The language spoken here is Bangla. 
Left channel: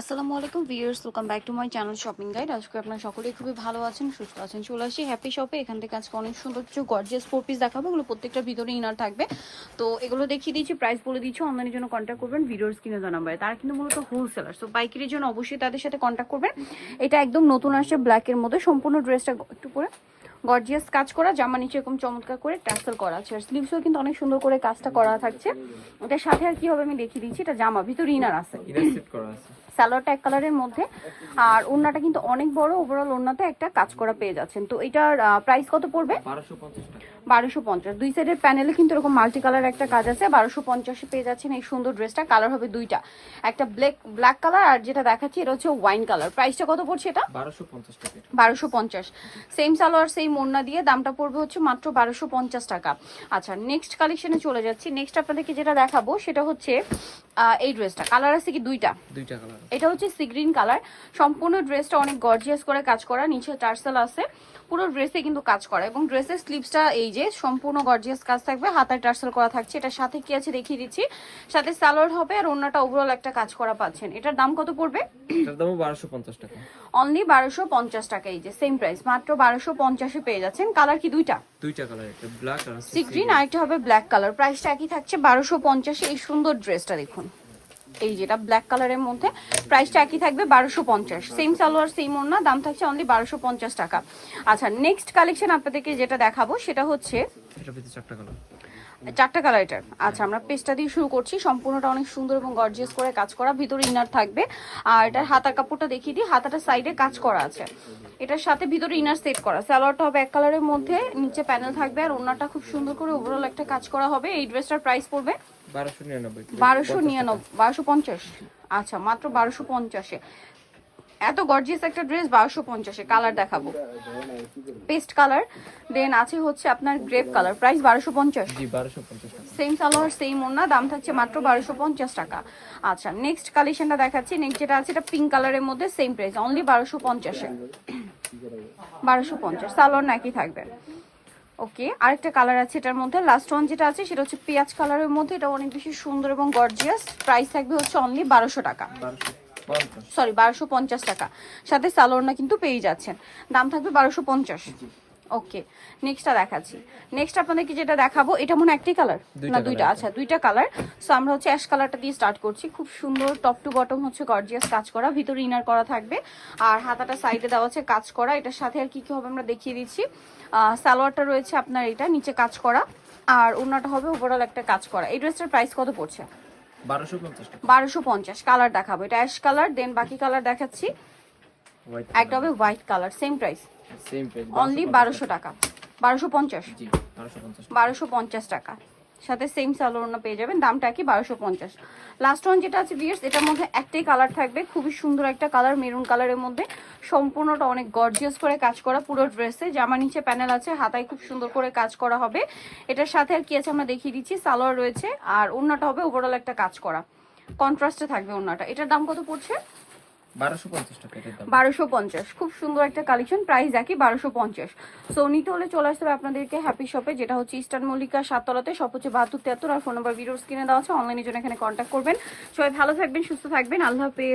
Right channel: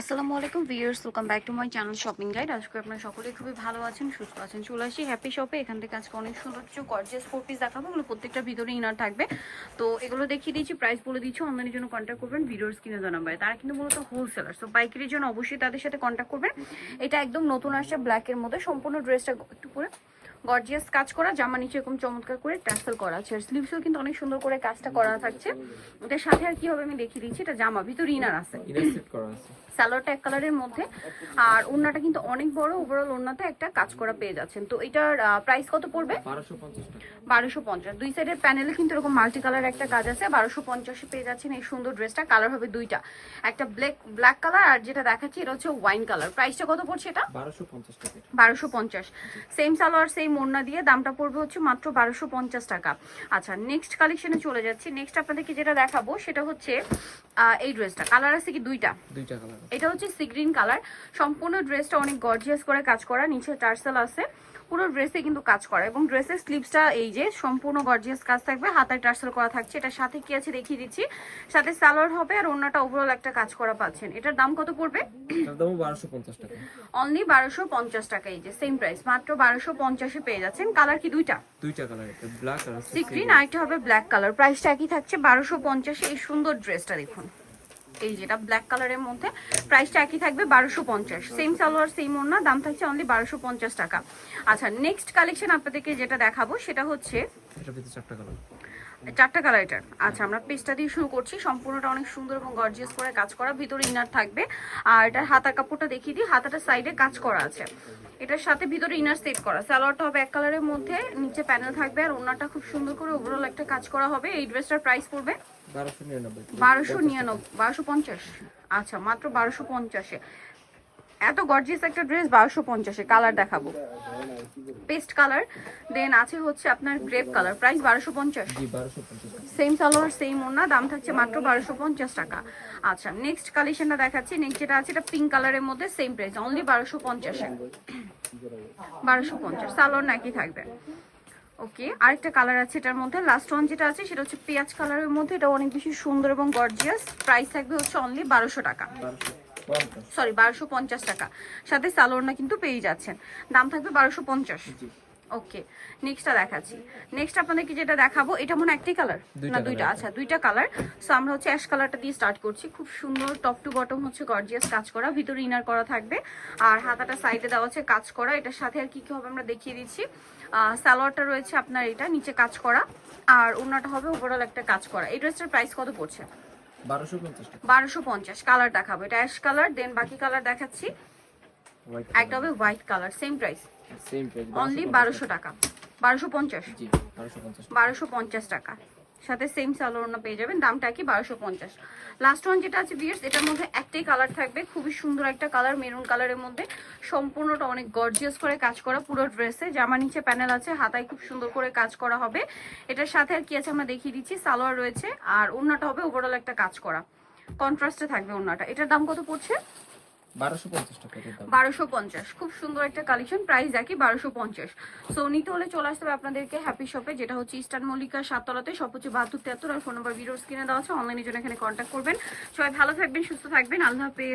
আসসালামু আলাইকুম viewers welcome back to my channel shopping guide আজকে আপনারা সকলেই খুবই ভালো আছেন, সুস্থ আছেন, চলে আসি হ্যাপি শপে এখান থেকে আজকে অনেক সুন্দর কিছু গর্জিয়াস ফোর পিস দেখাবো, এগুলো প্রত্যেকটা ভিতরে ইনার থাকবে। তো এগুলো দেখিয়ে দিয়েছি প্রাইস বলে দিচ্ছি অনলাইনের জন্য কন্ট্যাক্ট করবেন ভিডিওস কিনে দেওয়া তারা কিন্তু মূলত হোলসেলার সো পাইকারির জন্য অবশ্যই তাদের সাথে কন্ট্যাক্ট করবেন। এটা একদম নতুন আসছে ব্ল্যাকের মধ্যে, সম্পূর্ণ ড্রেসটা একটু করে গর্জিয়াস কাজ করা জামা নিচে এরকম চমৎকার করে ট্যাসেল করা আছে। আর স্লিভসও কিন্তু অনেক সুন্দর করে কাজটা করা থাকছে। ওটার সাথে আর কি হবে আমি দেখিয়ে দিচ্ছি এটা জামা ভিতরে ইনার আছে। ইনার সেট করা আছে। সালোয়ারটা এক কালারের মধ্যে। আর ওড়নাটা কিন্তু অনেক বড় ওভারঅল ওড়নাতে একটা কাজ করা পেয়ে যাচ্ছেন। তো এটার প্রাইস কত পড়বে? বারোশো পঞ্চাশ দুই সাইডের প্যানেলে কিন্তু এরকম মাল্টি কালার একটা কাজ আছে। বারোশো পঞ্চাশে পেয়ে যাচ্ছেন এই সুন্দর ড্রেসটা কালার হবে দুইটা। একটা ব্ল্যাক ব্ল্যাক কালার আর যেটা দেখাচ্ছি এটা হচ্ছে ওয়াইন কালার প্রাইসটা কত পড়ছে এটা? বারোশো পঞ্চাশ সেম সালোয়ার সেম ওড়না দিয়ে দামটা পড়বে হচ্ছে মাত্র বারোশো পঞ্চাশ টাকা। আচ্ছা নেক্সট কালেকশনে চলে যাচ্ছি। নেক্সট আপনাদেরকে যেটা দেখাবো সেটা হচ্ছে এই ড্রেসটা কালার আছে কি দুইটা? দুইটা কালার এটা হচ্ছে সি গ্রিন কালার সম্পূর্ণ ড্রেসটা অনেক গর্জিয়াস করে কাজ করা। নিচে টার্সেল আছে। পুরো ড্রেসে কিন্তু কাজ করা। এবং ড্রেসের স্লিপসটা এই যে সম্পূর্ণ গর্জিয়াস কাজ থাকবে। হাতায় টার্সেল করা থাকছে। এটার সাথে কি আছে দেখিয়ে দিচ্ছি। সাথে সালোয়ার হবে আর অন্যটা ওভারঅল একটা কাজ করা পাচ্ছেন। এটার দাম কত পড়বে? এটার বারোশো পঞ্চাশ টাকা। অনলি বারোশো পঞ্চাশ টাকা। এই যে সেম প্রাইস মাত্র বারোশো পঞ্চাশে পেয়ে যাচ্ছেন। কালার কি দুইটা? দুইটা কালার এটা ব্ল্যাক আর সি গ্রিন আরেকটা হবে ব্ল্যাক কালার প্রাইসটা একই থাকছে বারোশো পঞ্চাশে। এই সুন্দর ড্রেসটা দেখুন। এই যেটা ব্ল্যাক কালারের মধ্যে প্রাইসটা একই থাকবে বারোশো পঞ্চাশ। সেম সালোয়ার সেম ওড়না দাম থাকছে অনলি বারোশো পঞ্চাশ টাকা। আচ্ছা নেক্সট কালেকশন আপনাদেরকে যেটা দেখাবো সেটা হচ্ছে চারটা কালার চারটা কালার এটার। আচ্ছা আমরা পেজটা দিয়ে শুরু করছি। সম্পূর্ণটা অনেক সুন্দর এবং গর্জিয়াস করে কাজ করা। ভিতরে ইনার থাকবে। আর এটার হাতার কাপড়টা দেখিয়ে দিই। হাতাটা সাইডে কাজ করা আছে। এটার সাথে ভিতরে ইনার সেট করা। সালোয়ারটা হবে এক কালারের মধ্যে নিচে প্যানেল থাকবে আর ওনাটা খুব সুন্দর করে ওভারঅল একটা কাজ করা হবে। এই ড্রেসটার প্রাইস পড়বে বারোশো নিরানব্বই। বারোশো পঞ্চাশ। আচ্ছা মাত্র বারোশো পঞ্চাশে। এত গর্জিয়াস একটা ড্রেস বারোশো পঞ্চাশে। কালার দেখাবো। পেস্ট কালার দেন আছে হচ্ছে আপনার গ্রেপ কালার প্রাইস বারোশো পঞ্চাশ। জি বারোশো পঞ্চাশ। টাকা সেম সালোয়ার সেম ওনা দাম থাকছে মাত্র বারোশো পঞ্চাশ টাকা। আচ্ছা নেক্সট কালেকশনটা দেখাচ্ছি। নেক্সট যেটা আছে এটা পিঙ্ক কালারের মধ্যে সেম প্রাইস অনলি বারোশো পঞ্চাশে বারোশো পঞ্চাশ সালোয়ার নাকি থাকবে। ওকে আরেকটা কালার আছে এটার মধ্যে। লাস্ট ওয়ান যেটা আছে সেটা হচ্ছে পেঁয়াজ কালারের মধ্যে। এটা অনেক বেশি সুন্দর এবং গর্জিয়াস প্রাইস থাকবে হচ্ছে অনলি বারোশো টাকা। সরি বারোশো পঞ্চাশ টাকা। সাথে সালোয়ারনা কিন্তু পেয়ে যাচ্ছেন। দাম থাকবে বারোশো পঞ্চাশ। ওকে নেক্সটটা দেখাচ্ছি। নেক্সট আপনাদেরকে যেটা দেখাবো এটা মনে একটি কালার দুইটা না দুইটা আচ্ছা দুইটা কালার সো আমরা হচ্ছে অ্যাশ কালারটা দিয়ে স্টার্ট করছি। খুব সুন্দর টপ টু বটম হচ্ছে গর্জিয়াস কাজ করা। ভিতরে ইনার করা থাকবে। আর হাতাটা সাইডে দেওয়া আছে কাজ করা। এটার সাথে আর কি কি হবে আমরা দেখিয়ে দিচ্ছি। সালোয়ারটা রয়েছে আপনার এটা নিচে কাজ করা। আর অন্যটা হবে ওভারঅল একটা কাজ করা। এই ড্রেসটার প্রাইস কত পড়ছে? বারোশো পঞ্চাশ কালার দেখাবো। এটা অ্যাশ কালার দেন বাকি কালার দেখাচ্ছি। একটা হবে white colour same price same price only বারোশো টাকা। বারোশো পঞ্চাশ। জি বারোশো পঞ্চাশ টাকা। সাথে সেম সালোয়ারনা পেয়ে যাবেন দামটা কি বারোশো পঞ্চাশ। লাস্ট ওয়ান যেটা আছে বিয়ার্স এটার মধ্যে একটাই কালার থাকবে খুবই সুন্দর একটা কালার মেরুন কালারের মধ্যে। সম্পূর্ণটা অনেক গর্জিয়াস করে কাজ করা পুরো ড্রেসে জামা নিচে প্যানেল আছে হাতায় খুব সুন্দর করে কাজ করা হবে। এটার সাথে আর কি আছে আমরা দেখিয়ে দিচ্ছি সালোয়ার রয়েছে। আর ওড়নাটা হবে ওভারঅল একটা কাজ করা। কন্ট্রাস্টে থাকবে ওড়নাটা। এটার দাম কত পড়ছে? খুব সুন্দর একটা কালেকশন হলে চলে আসতে হবে আপনাদেরকে শপে যেটা হচ্ছে ইস্টার্ন সাততলাতে। হচ্ছে বাহাত্তর তিয়াত্তর আর ফোন দেওয়া আছে। অনলাইনে জন্য এখানে করবেন। সবাই ভালো থাকবেন, সুস্থ থাকবেন। আল্লাহ হাফেজ।